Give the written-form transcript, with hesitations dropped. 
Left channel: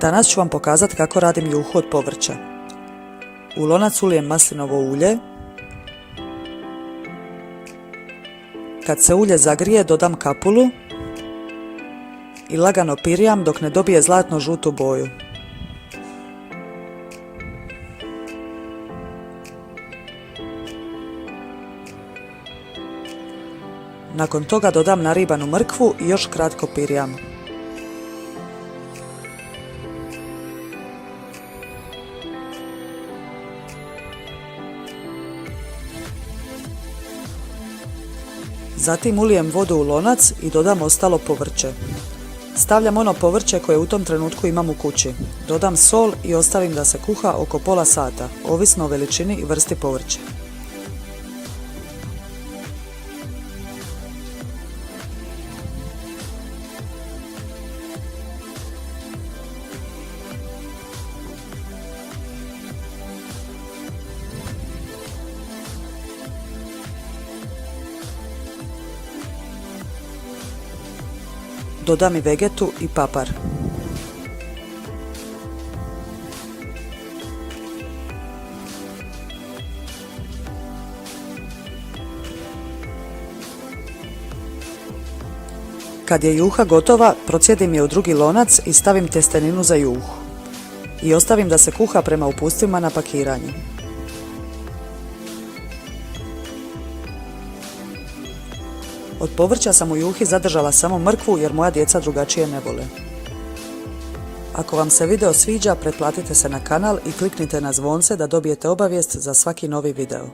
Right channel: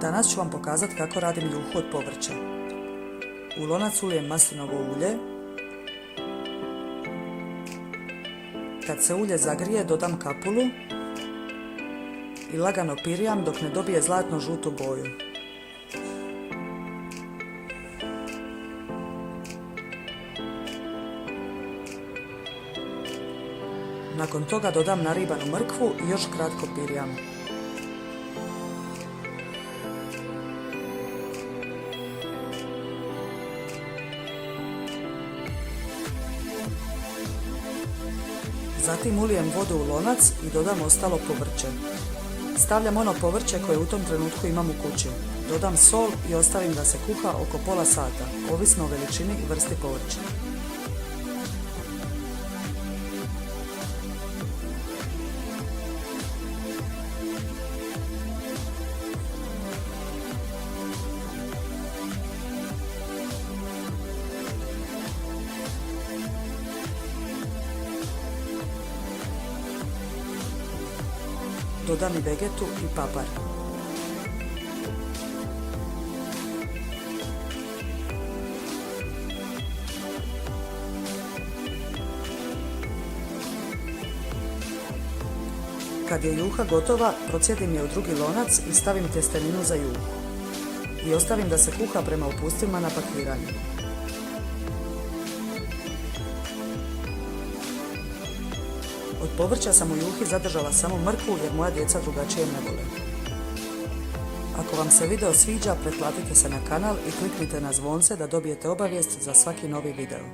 Danas ću vam pokazati kako radim juhu od povrća. U lonac ulijem maslinovo ulje. Kad se ulje zagrije, dodam kapulu i lagano pirjam dok ne dobije zlatno žutu boju. Nakon toga dodam naribanu mrkvu i još kratko pirjam. Zatim ulijem vodu u lonac i dodam ostalo povrće. Stavljam ono povrće koje u tom trenutku imam u kući. Dodam sol i ostavim da se kuha oko pola sata, ovisno o veličini i vrsti povrća. Dodam i vegetu i papar. Kad je juha gotova, procijedim je u drugi lonac i stavim tjesteninu za juhu. I ostavim da se kuha prema uputstvima na pakiranju. Od povrća sam u juhi zadržala samo mrkvu jer moja djeca drugačije ne vole. Ako vam se video sviđa, pretplatite se na kanal i kliknite na zvonce da dobijete obavijest za svaki novi video.